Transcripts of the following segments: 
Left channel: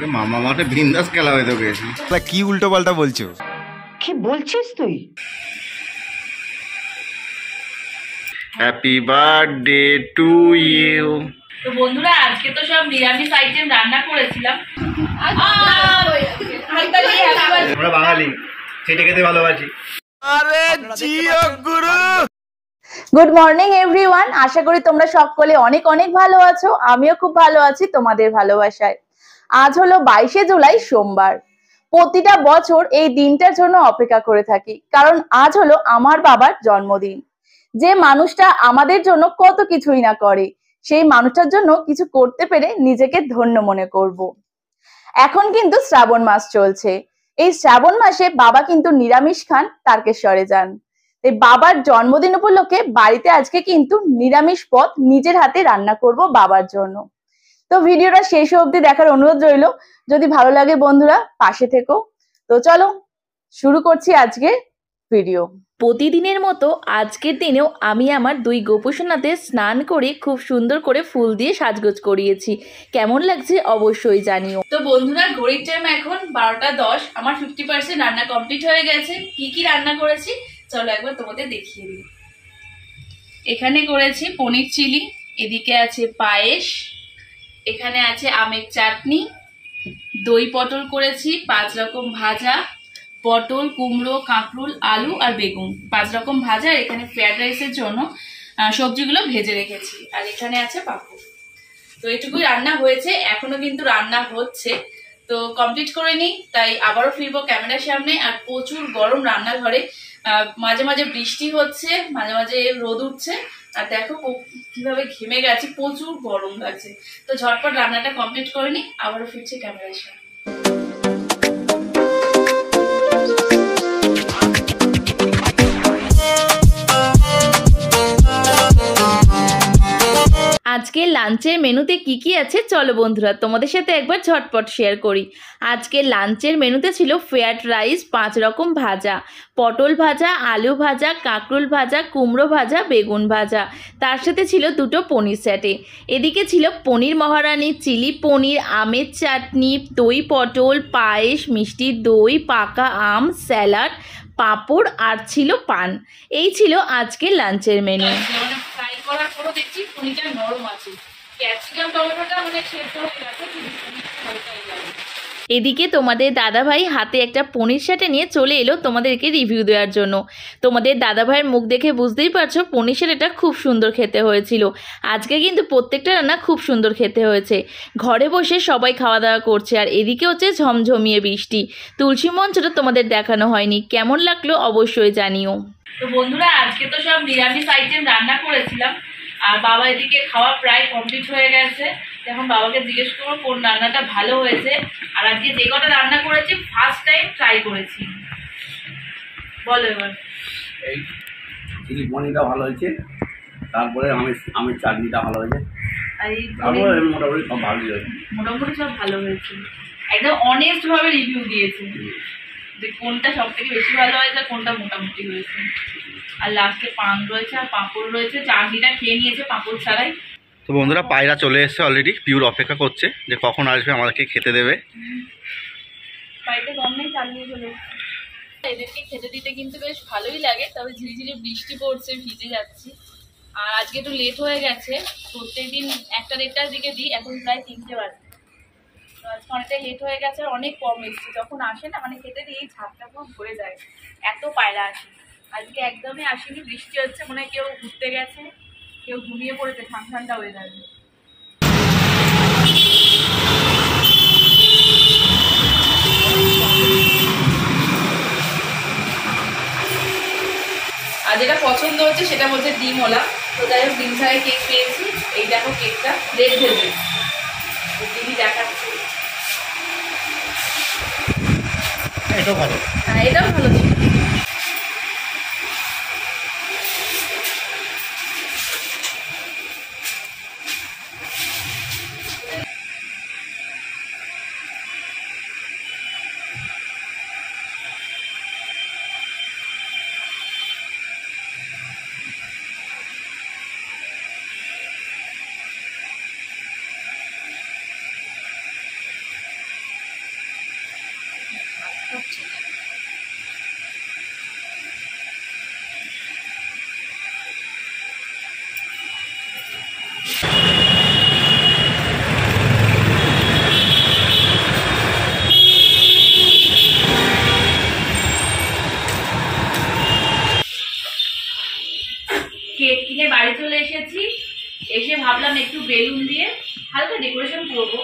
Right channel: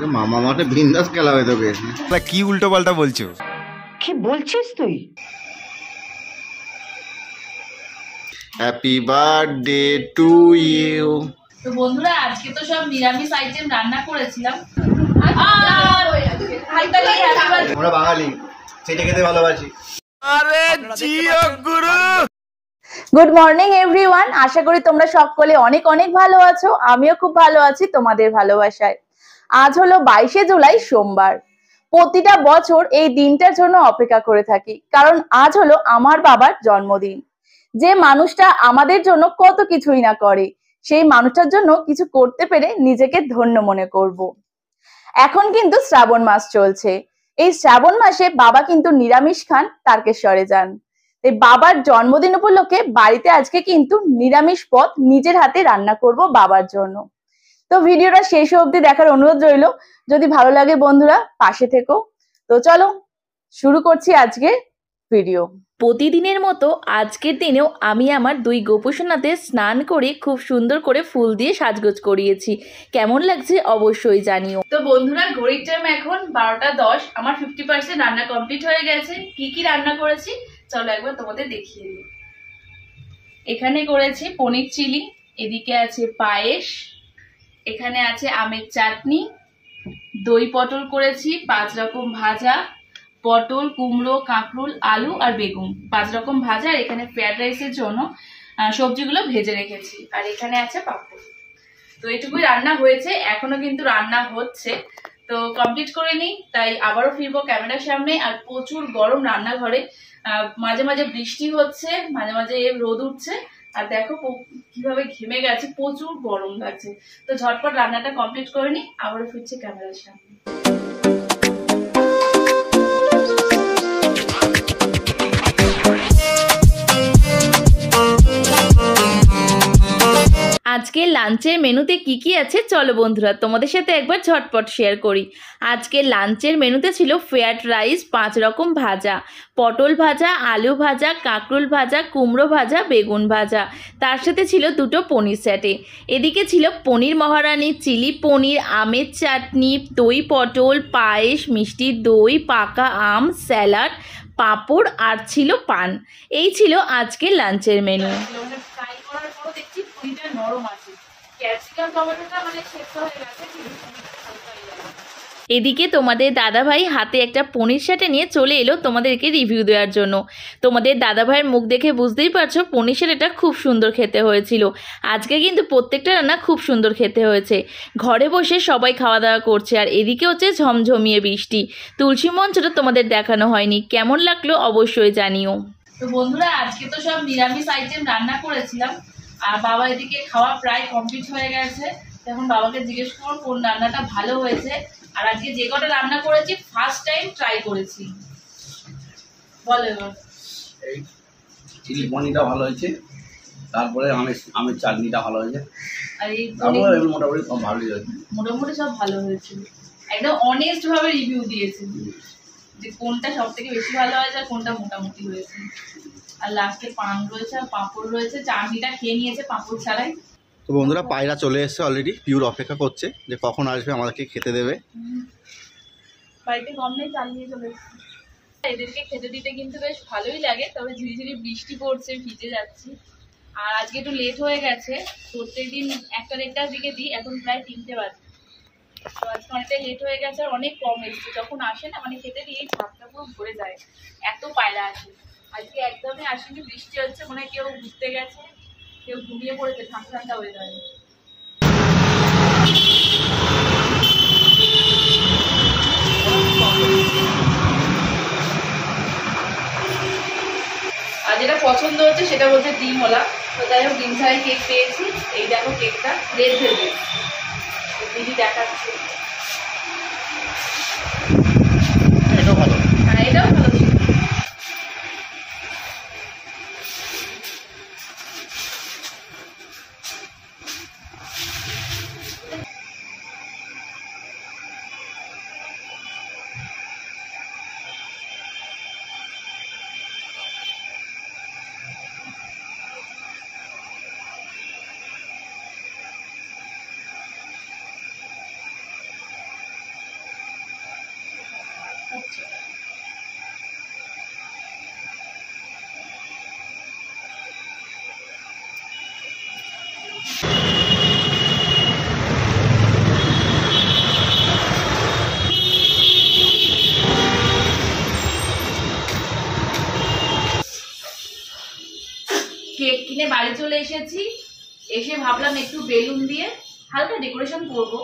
মামা মাঠে বিন্দাস খেলা হয়ে তোকে। কি উল্টো পাল্টা বলছো? কি বলছিস তুই? Happy birthday to you. তো বন্ধুরা আজকে তো সব নিরামিষ আইটেম রান্না করেছিলাম। আমরা বাঙালি চেটে খেতে ভালোবাসি। আরে জিও গুরু। গুড মর্নিং এভরিওয়ান, আশা করি তোমরা সকলে অনেক অনেক ভালো আছো। আমিও খুব ভালো আছি তোমাদের ভালোবাসায়। আজ হলো 22শে জুলাই, সোমবার। প্রতিটা বছর এই দিনটার জন্য অপেক্ষা করে থাকি, কারণ আজ হলো আমার বাবার জন্মদিন। যে মানুষটা আমাদের জন্য কত কিছুই না করে, সেই মানুষটার জন্য কিছু করতে পেরে নিজেকে ধন্য মনে করব। এখন কিন্তু শ্রাবণ মাস চলছে। এই শ্রাবণ মাসে বাবা কিন্তু নিরামিষ খান, তারকেশ্বরে যান। এই বাবার জন্মদিন উপলক্ষে বাড়িতে আজকে কিন্তু নিরামিষ পদ নিজের হাতে রান্না করব বাবার জন্য। তো ভিডিওটা শেষ অবধি দেখার অনুরোধ রইল। যদি ভালো লাগে বন্ধুরা পাশে থেকো। তো চলো শুরু করছি আজকে ভিডিও। প্রতিদিনের মতো আজকের দিনেও আমি আমার দুই গোপুসোনাদের স্নান করে খুব সুন্দর করে ফুল দিয়ে সাজগোজ করিয়েছি। কেমন লাগছে অবশ্যই জানিও। তো বন্ধুরা ঘড়ির টাইম এখন 12টা 10। আমার 50% রান্না কমপ্লিট হয়ে গেছে। কি কি রান্না করেছি চলো একবার তোমাদের দেখিয়ে দিই। এখানে করেছি পনির চিলি, এদিকে আছে পায়েস, এখানে আছে আমের চাটনি, দই পটল করেছি, 5 রকম ভাজা, পটল, কুমড়ো, কাঁকরোল, আলু আর বেগুন, 5 রকম ভাজা। আর এখানে ফ্রাইড রাইসের জন্য সবজিগুলো ভেজে রেখেছি। আর এখানে আছে পাঁপড়। তো এটুকুই রান্না হয়েছে, এখনো কিন্তু রান্না হচ্ছে। তো কমপ্লিট করে নিই, তাই আবারও ফিরবো ক্যামেরার সামনে। আর প্রচুর গরম রান্নাঘরে, মাঝে মাঝে বৃষ্টি হচ্ছে, মাঝে মাঝে রোদ উঠছে। আর দেখো কিভাবে ঘেমে গেছে, প্রচুর গরম লাগছে। তো ঝটপট রান্নাটা কমপ্লিট করে নিই, আবারও ফিরছে ক্যামেরার সামনে। আজকের লাঞ্চের মেনুতে কি কি আছে চলো বন্ধুরা তোমাদের সাথে একবার ঝটপট শেয়ার করি। আজকের লাঞ্চের মেনুতে ছিল ফ্রাইড রাইস, 5 রকম ভাজা, পটল ভাজা, আলু ভাজা, কাঁকরোল ভাজা, কুমড়ো ভাজা, বেগুন ভাজা। তার সাথে ছিল 2টো পনির স্যাটে। এদিকে ছিল পনির মহারানি, চিলি পনির, আমের চাটনি, দই পটল, পায়েস, মিষ্টি দই, পাকা আম, স্যালাড, পাঁপড় আর ছিল পান। এই ছিল আজকের লাঞ্চের মেনু। ফ্রাই করার পরও দেখছি পনিরটা নরম আছে, ক্যাপসিকাম টমেটোটা মানে সেদ্ধ হয়ে গেছে। এদিকে তোমাদের দাদাভাই হাতে একটা পনির স্যাটে নিয়ে চলে এলো তোমাদেরকে রিভিউ দেওয়ার জন্য। তোমাদের দাদাভাইয়ের মুখ দেখে বুঝতেই পারছো পনির স্যাটেটা খুব সুন্দর খেতে হয়েছিল। আজকে কিন্তু প্রত্যেকটা রান্না খুব সুন্দর খেতে হয়েছে। ঘরে বসে সবাই খাওয়া দাওয়া করছে। আর এদিকে হচ্ছে ঝমঝমিয়ে বৃষ্টি। তুলসী মঞ্চটা তোমাদের দেখানো হয়নি, কেমন লাগলো অবশ্যই জানিও। তো বন্ধুরা আজকে তো সব নিরামিষ আইটেম রান্না করেছিলাম। আর বাবা এদিকে খাওয়া প্রায় কমপ্লিট হয়ে গেছে। এখন বাবাকে জিজ্ঞেস করবো কোন রান্নাটা ভালো হয়েছে। আর আজকে যে কটা রান্না করেছি ফার্স্ট টাইম ট্রাই করেছি। বলো এবার। এই চিলি পনিরটা ভালো হয়েছে, তারপরে আমের চাটনিটা ভালো হয়েছে, আর এই তারপরে মোটামুটি সব ভালোই হয়েছে। মোটামুটি সব ভালো হয়েছে, একদম অনেস্ট ভাবে রিভিউ দিয়েছে যে কোনটা সব থেকে বেশি ভালো হয়েছে আর কোনটা মোটামুটি হয়েছে। আর লাস্টে পান রয়েছে আর পাঁপড় রয়েছে। চাটনিটা খেয়ে নিয়েছে পাঁপড় ছাড়াই। তো বন্ধুরা পায়রা চলে এসছে অলরেডি, পিওর অপেক্ষা করছে যে কখন আসবে আমাদেরকে খেতে দেবে। বাড়িতে গম নেই, চালিয়ে চলে এসছে। এদেরকে খেতে দিতে কিন্তু বেশ ভালোই লাগে, তবে ঝিরিঝিরি বৃষ্টি পড়ছে, ভিজে যাচ্ছি। আর আজকে একটু লেট হয়ে গেছে, প্রত্যেকদিন 1টা-1:30টার দিকে দিই, এখন প্রায় 3টে বাজে। তো আজকে অনেকটাই লেট হয়ে গেছে আর অনেক কম এসছে। যখন আসে না মানে খেতে দিই, এই ছাদটা পুরো ভরে যায়, এত পায়রা আসে। আজকে একদমই আসেনি, বৃষ্টি হচ্ছে, মনে হয় কেউ ঘুরতে গেছে, কেউ ঘুমিয়ে পড়েছে, ঠান্ডা ঠান্ডা হয়ে যাবে। আর যেটা পছন্দ হচ্ছে সেটা বলছে ডিমওয়ালা। তো যাই হোক ডিম ছাড়াই কেক পেয়েছি। এই দেখো কেকটা রেড ভেলভেট, তো দিদি দেখাচ্ছে। এটাও ভালো। হ্যাঁ এটাও ভালো ছিল। কারণ একটু বেলুন দিয়ে হালকা ডেকোরেশন করবো,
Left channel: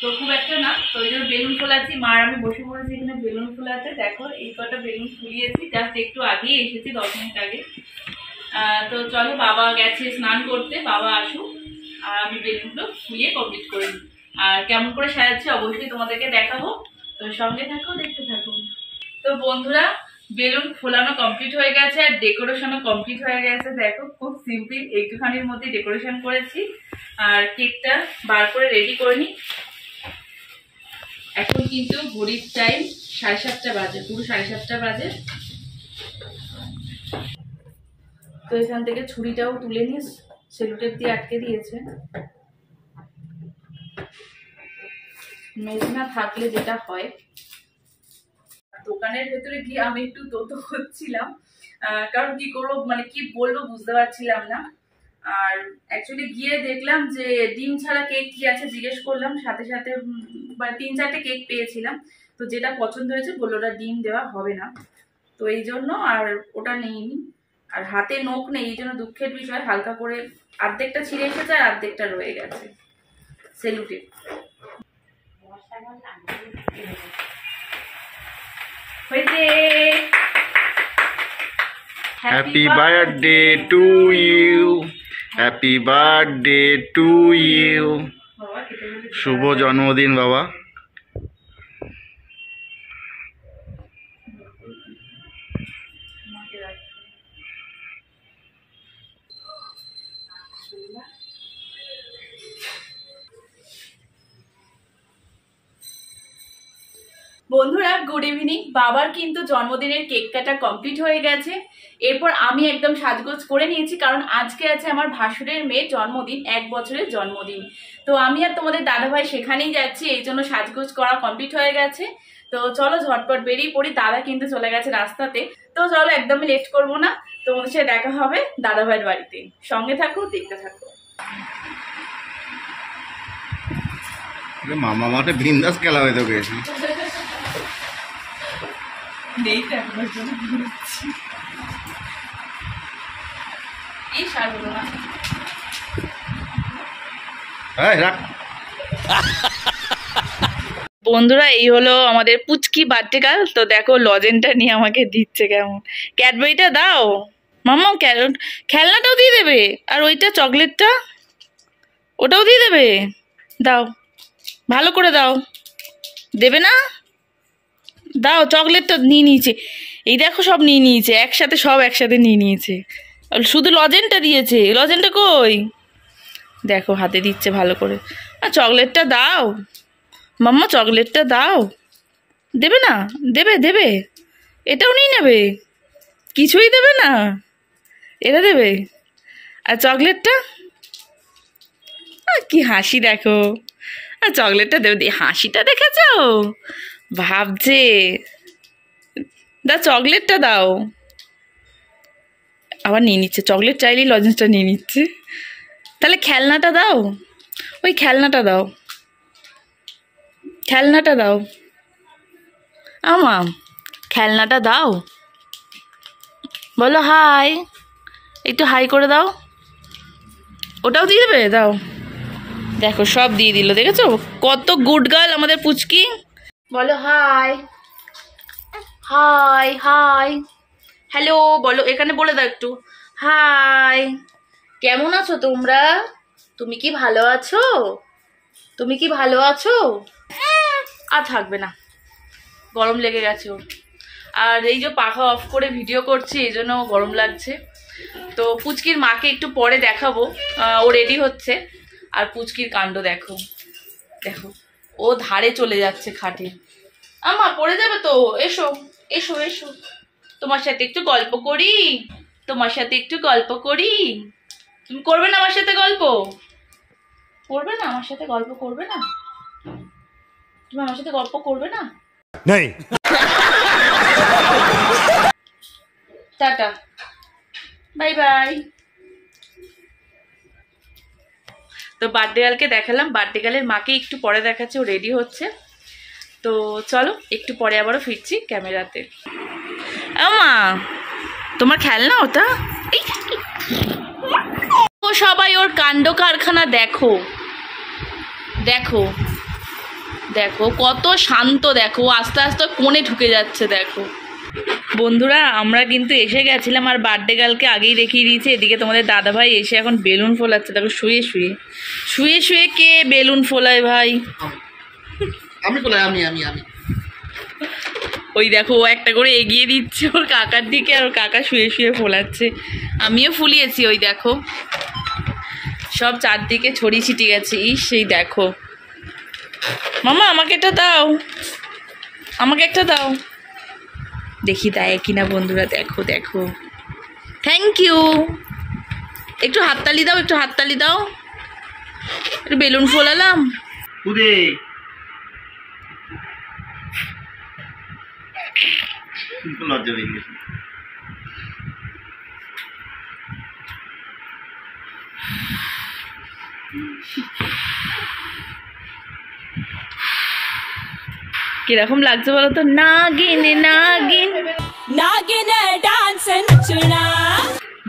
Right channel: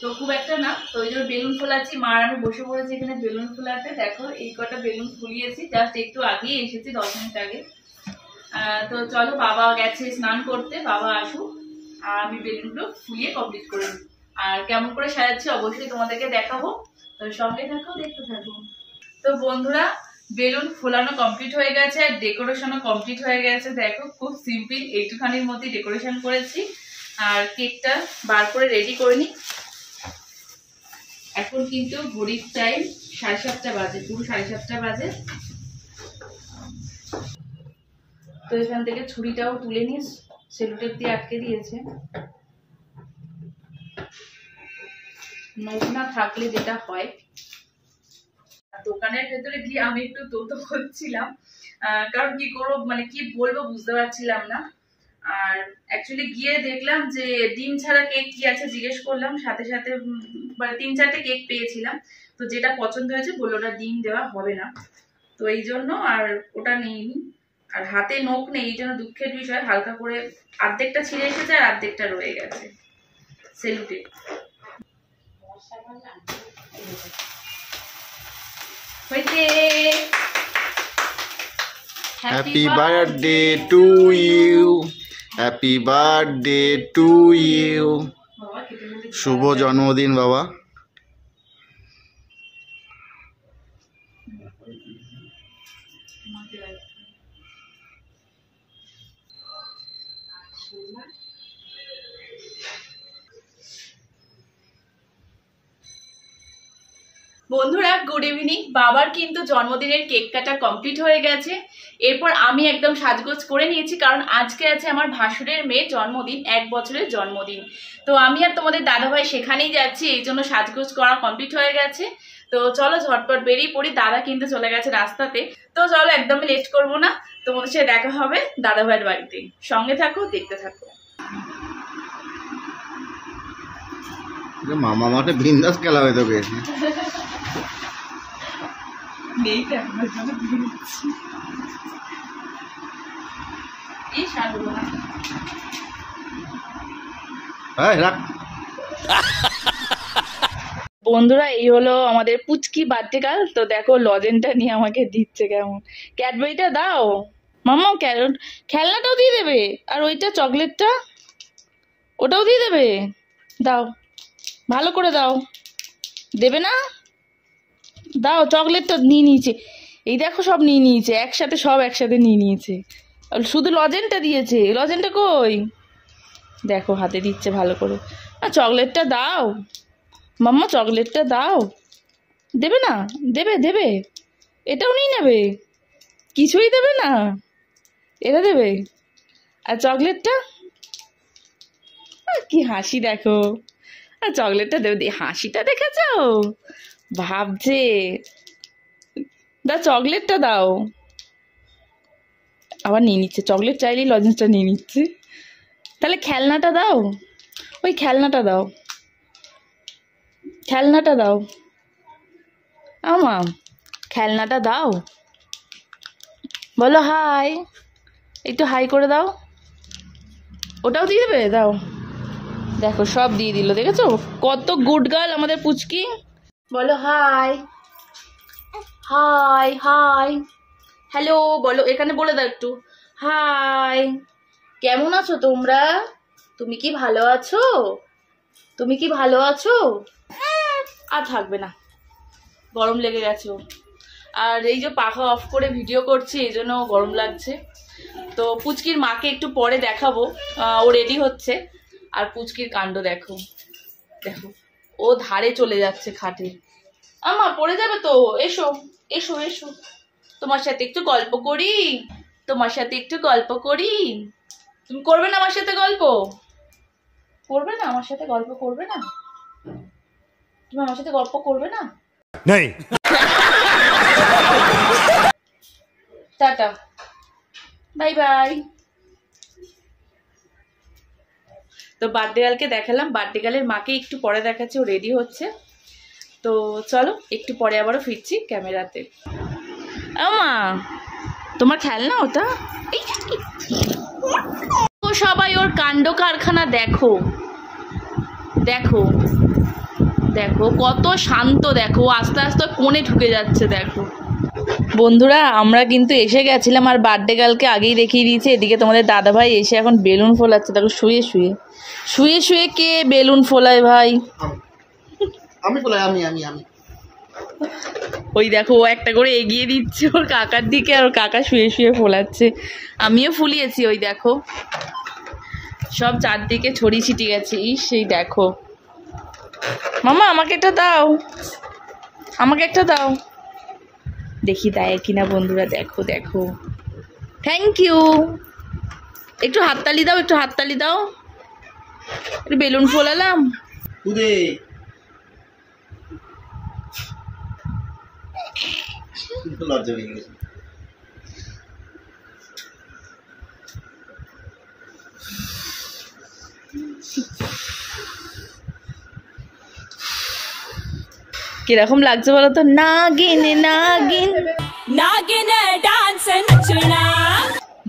তো খুব একটা না, তো ওই জন্য বেলুন ফোলাচ্ছি। মার আমি বসে পড়েছি এখানে বেলুন ফোলাতে। দেখো এই কটা বেলুন ফুলিয়েছি, জাস্ট একটু আগেই এসেছি, 10 মিনিট আগে। তো চলো, বাবা গেছে স্নান করতে, বাবা আসুক আর আমি বেলুনগুলো ফুলিয়ে কমপ্লিট করে নিই। আর কেমন করে সাজাচ্ছি অবশ্যই তোমাদেরকে দেখাবো, তো সঙ্গে থাকো, দেখতে থাকো। তো বন্ধুরা, বেলুন ফোলানো কমপ্লিট হয়ে গেছে আর ডেকোরেশনও কমপ্লিট হয়ে গেছে। দেখো খুব সিম্পল, এইটুখানির মধ্যে ডেকোরেশন করেছি। আর কেকটা বার করে রেডি করে নিই। এখন কিন্তু ঘড়ির টাইম 7:30 বাজে, পুরো 7:30 বাজে। তো এখান থেকে ছুরিটাও তুলে নিস, সেলুটেপ দিয়ে আটকে দিয়েছে। নখ না থাকলে যেটা হয়, দোকানের ভেতরে গিয়ে আমি একটু তোতো হচ্ছিলাম, কারণ কি করবো, মানে কি বলবো বুঝতে পারছিলাম না। আর অ্যাকচুয়ালি গিয়ে দেখলাম যে ডিম ছাড়া কেক কি আছে জিজ্ঞেস করলাম, সাথে সাথে মানে 3-4টে কেক পেয়েছিলাম। তো যেটা পছন্দ হয়েছে বললো ওটা ডিম দেওয়া হবে না, তো এই জন্য আর ওটা নিইনি। আর হাতে নখ নেই, এই জন্য দুঃখের বিষয়, হালকা করে অর্ধেকটা ছিঁড়ে এসেছে আর অর্ধেকটা রয়ে গেছে সেলুটে। Happy birthday to you, happy birthday to you. শুভ জন্মদিন বাবা। বন্ধুরা গুড ইভিনিং। বাবার কিন্তু জন্মদিনের কেক কাটা কমপ্লিট হয়ে গেছে। এরপর আমি একদম সাজগোজ করে নিয়েছি, কারণ আজকে আছে আমার ভাসুরের মেয়ের জন্মদিন, 1 বছরের জন্মদিন। তো আমি আর তোমাদের দাদাভাই সেখানেই যাচ্ছি, এই জন্য সাজগোজ করা কমপ্লিট হয়ে গেছে। তো চলো ঝটপট বেরিয়ে পড়ি, দাদা কিন্তু চলে গেছে রাস্তাতে। তো চলো একদমই লেট করবো না, তোমাদের সাথে দেখা হবে দাদাভাইয়ের বাড়িতে। সঙ্গে থাকো, দেখতে থাকো। মামা মাঠে বিন্দাস খেলা হয়ে তোকে। নেই তো এখন এই সার হলো না। রাখ। বন্ধুরা এই হলো আমাদের পুচকি বার্থডে গার্ল। তো দেখো লজেনটা নিয়ে আমাকে দিচ্ছে কেমন। ক্যাডবেরিটা দাও মাম্মা, খেলনাটাও দিয়ে দেবে, আর ওইটা চকলেটটা ওটাও দিয়ে দেবে। দাও, ভালো করে দাও। দেবে না? দাও, চকলেটটা নিয়ে নিয়েছে, এই দেখো সব নিয়ে নিয়েছে একসাথে, সব একসাথে নিয়ে নিয়েছে। শুধু লজেনটা দিয়েছে, লজেনটা কই? দেখো হাতে দিচ্ছে ভালো করে। আর চকলেটটা দাও মাম্মা, চকলেটটা দাও। দেবে না? দেবে দেবে, এটাও নিয়ে নেবে, কিছুই দেবে না, এটা দেবে। আর চকলেটটা, কি হাসি দেখো। আর চকলেটটা দেবে, হাসিটা দেখেছো, ভাবছে। দাও চকলেটটা দাও। আবার নিয়ে নিচ্ছে, চকলেট চাইলেই লজেন্সটা নিয়ে নিচ্ছে। তাহলে খেলনাটা দাও, ওই খেলনাটা দাও, খেলনাটা দাও আমা, খেলনাটা দাও। বলো হাই, একটু হাই করে দাও। ওটাও দিয়ে দেবে, দাও। দেখো সব দিয়ে দিল, দেখেছো কত গুড গার্ল আমাদের পুচকি। বলো হাই, হাই হাই, হ্যালো বলো, এখানে বলে দাও একটু হাই। কেমন আছো তোমরা? তুমি কি ভালো আছো? তুমি কি ভালো আছো? আর থাকবে না, গরম লেগে গেছে ওর। আর এই যে পাখা অফ করে ভিডিও করছি, এই জন্য গরম লাগছে। তো পুচকির মাকে একটু পরে দেখাবো, ও রেডি হচ্ছে। আর পুচকির কাণ্ড দেখো, দেখো ও ধারে চলে যাচ্ছে খাটে। আমা পড়ে যাবে তো, এসো এসো এসো, তোমার সাথে একটু গল্প করি, তোমার সাথে একটু গল্প করি। তুমি করবে না আমার সাথে গল্প? করবে না আমার সাথে গল্প? করবে না তুমি আমার সাথে গল্প করবে না? नहीं। Tata, bye bye. তো বার্থডে গার্লকে দেখালাম, বার্থডে গার্লের মাকে একটু পরে দেখাচ্ছে, ও রেডি হচ্ছে। তো চলো একটু পরে আবারও ফিরছি ক্যামেরাতে। মা তোমার খেলনা ওটা? ও সবাই ওর কাণ্ড কারখানা, দেখো দেখো দেখো কত শান্ত, দেখো আস্তে আস্তে কোণে ঢুকে যাচ্ছে। দেখো বন্ধুরা, আমরা কিন্তু এসে গেছিলাম আর বার্থডে গার্লকে আগেই দেখিয়ে দিয়েছে। এদিকে তোমাদের দাদাভাই এসে এখন বেলুন ফোলাচ্ছে। দেখো শুয়ে শুয়ে শুয়ে শুয়ে কে বেলুন ফোলায় ভাই? আমি বলাই আমি আমি আমি ওই দেখো ও একটা করে এগিয়ে দিচ্ছে ওর কাকার দিকে, আর ওর কাকা শুয়ে শুয়ে ফোলাচ্ছে। আমিও ফুলিয়েছি, ওই দেখো সব চারদিকে ছড়িয়ে ছিটিয়ে গেছে। সেই দেখো মামা, আমাকে একটা দাও, আমাকে একটা দাও, দেখি দেয় কিনা বন্ধুরা। দেখো দেখো, থ্যাংক ইউ। একটু হাততালি দাও, একটু হাততালি দাও। একটু বেলুন ফোলালাম। কুদে লজ্জা পেয়ে গেছে। কিরকম লাগছে বলো তো? নাগিন নাগিন নাগিন ডান্স নচনা।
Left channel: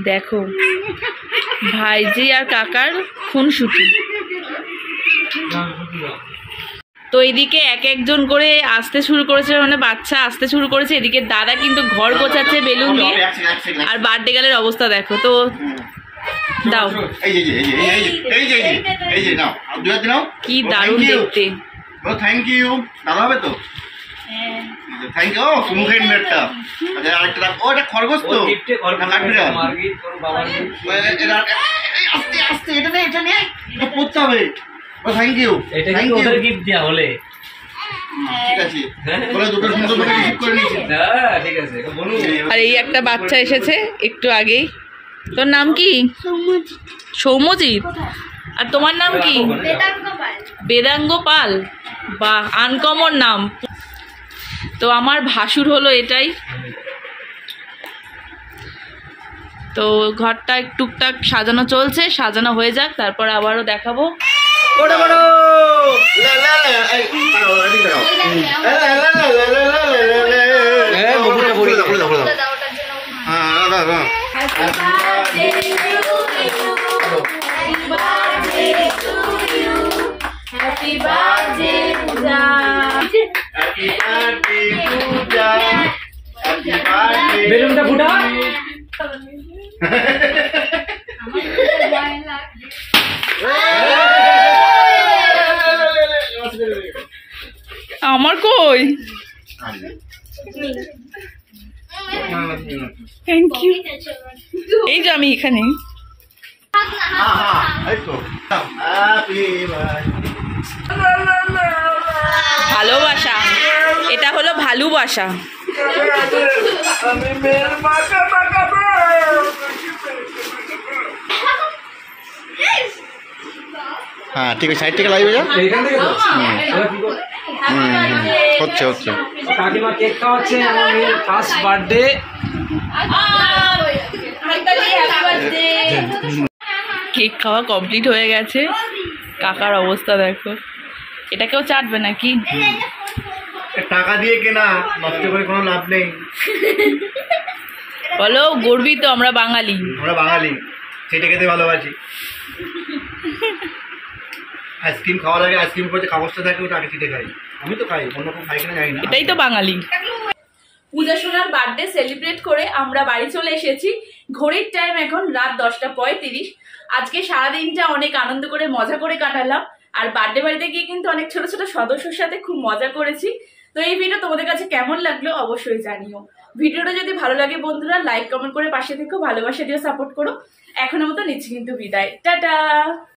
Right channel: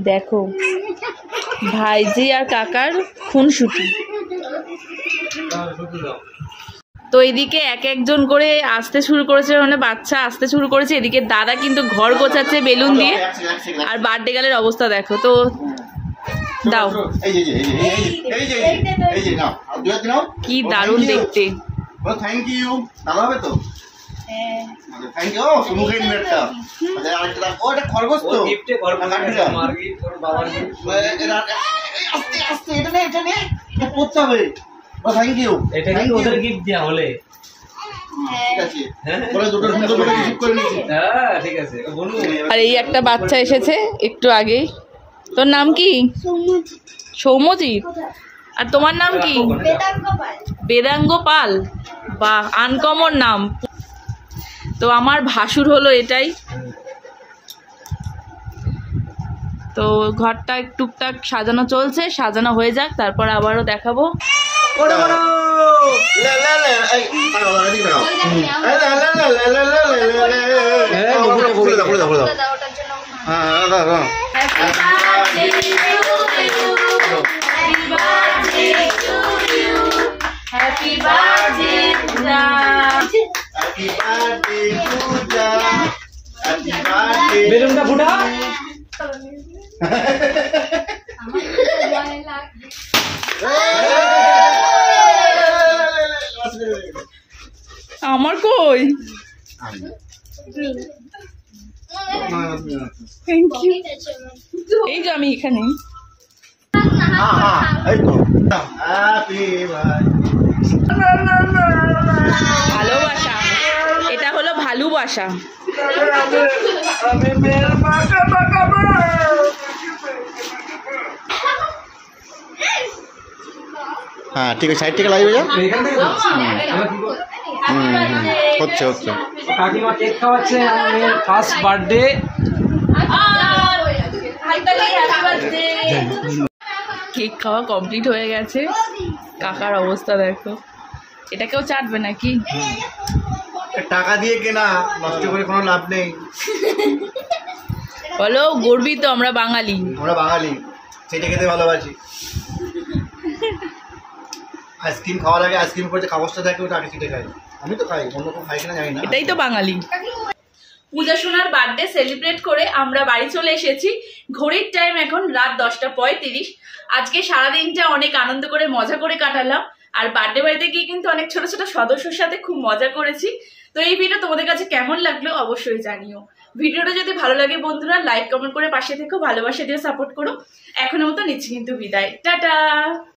দেখো ভাইজি আর কাকার খুনসুটি। তো এদিকে এক একজন করে আসতে শুরু করেছে, মানে বাচ্চা আসতে শুরু করেছে। এদিকে দাদা কিন্তু ঘর গোছাচ্ছে বেলুন দিয়ে। আর বার্থডে গার্লের অবস্থা দেখো তো। দাও, এই যে এই যে এই যে এই যে নাও, দুই হাত নাও। কি দারুণ দেখতে। Thank you. দাদা হবে তো? Thank you. মুখের নেটটা আরেকটা দাও। ও এটা খরগোশ তো, কাটবি না। আস্তে আস্তে এটা নে, এটা নে, এটা পড়তে হবে। Thank you. এটা কি ওদের গিফট দেয়া হলে? ঠিক আছে, বলে দুটো সুন্দর করে রিসিভ করে নিয়েছি। হ্যাঁ ঠিক আছে, বলুন। আর এই একটা বাচ্চা এসেছে একটু আগেই। তোর নাম কি? সৌম্যজিৎ। আর তোমার নাম কি? বেদাঙ্গ পাল। বা আনকমন নাম। তো আমার ভাসুর হলো এটাই। তো ঘরটা টুকটাক সাজানো চলছে, সাজানো হয়ে যাক, তারপর আবারও দেখাবো। Happy birthday, Pooja. Happy birthday, Pooja. Happy birthday. বেলুনটা ফুটা। আমার কই? Thank you. এই যে আমি এখানে। ভালোবাসা, এটা হলো ভালোবাসা। হ্যাঁ ঠিক আছে, সাইড থেকে লাগবে যা। এইখান থেকে তো? হচ্ছে হচ্ছে। কাকিমা কেক খাওয়াচ্ছে, ফার্স্ট বার্থডে। কেক খাওয়া কমপ্লিট হয়ে গেছে। কাকার অবস্থা দেখো। এটা কেউ চাটবে নাকি? টাকা দিয়ে কেনা, নষ্ট করে কোনো লাভ নেই। বলো, গর্বিত আমরা বাঙালি। আমরা বাঙালি, সেটা খেতে ভালোবাসি। আইসক্রিম খাওয়ার আগে আইসক্রিম করে যে কাগজটা থাকে ওটা আগে ছিটে খাই। আমি তো খাই, অন্য কেউ খাই কিনা জানি না। এটাই তো বাঙালি। পূজা সোনার বার্থডে সেলিব্রেট করে আমরা বাড়ি চলে এসেছি। ঘড়ির টাইম এখন রাত 10:35। আজকে সারাদিনটা অনেক আনন্দ করে মজা করে কাটালাম। আর বার্থডে বাড়িতে গিয়ে কিন্তু অনেক ছোট ছোট সদস্যর সাথে খুব মজা করেছি। তো এই ভিডিও তোমাদের কাছে কেমন লাগলো অবশ্যই জানিও। ভিডিওটা যদি ভালো লাগে বন্ধুরা লাইক কমেন্ট করে পাশে থেকো, ভালোবাসা দিয়ে সাপোর্ট করো। এখনের মতো নিচ্ছি কিন্তু বিদায়, টাটা।